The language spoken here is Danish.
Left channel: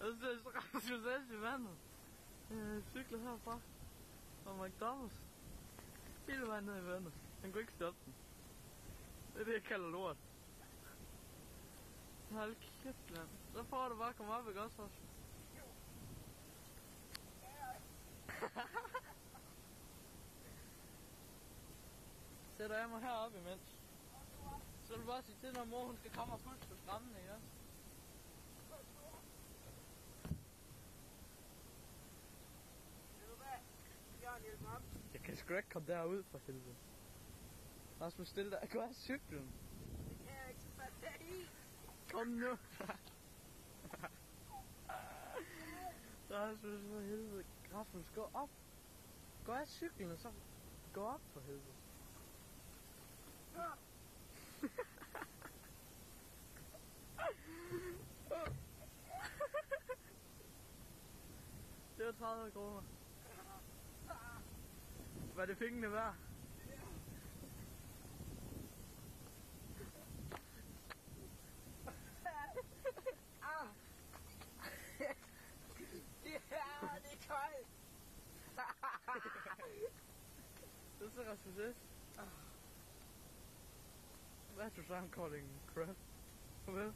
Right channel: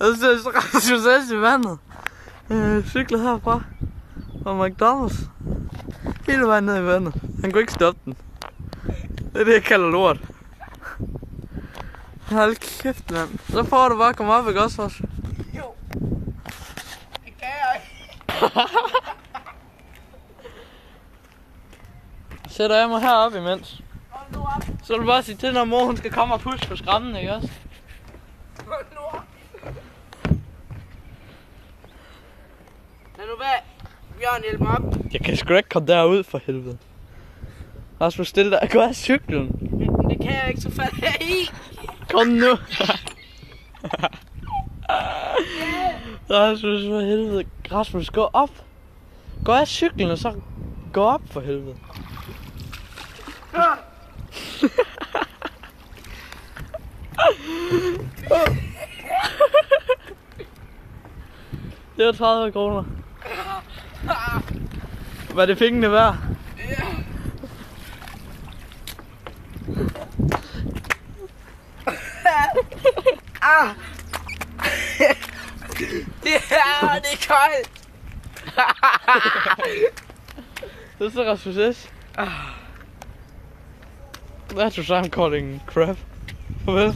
Og så Rasmus S. i vandet. Cykler herfra. Fra McDonald's. Hele vejen ned i vandet. Han kunne ikke stoppe den. Det er det, jeg kalder lort. Hold kæft, mand. Så får du bare at komme op, ikke også, Rasmus? Jo. Det kan jeg ikke. Sætter jeg mig heroppe imens. Hold nu op. Så vil du bare sige til, når mor hun skal komme og pusse på skrammen, ikke også? Hold nu op. Lad nu være. Bjørn, hjælp mig op. Jeg kan sgu ikke komme derud for helvede. Rasmus, stille dig. Gå af cyklen. Men det kan jeg ikke, så falder jeg i. Kom nu. Rasmus, for helvede. Rasmus, gå op. Gå af cyklen, og så gå op for helvede. Det var 30 kroner. Hvad er det pengene værd? Ah. Det er koldt. Det er så Rasmus S. That's what I'm calling crap. Farvel.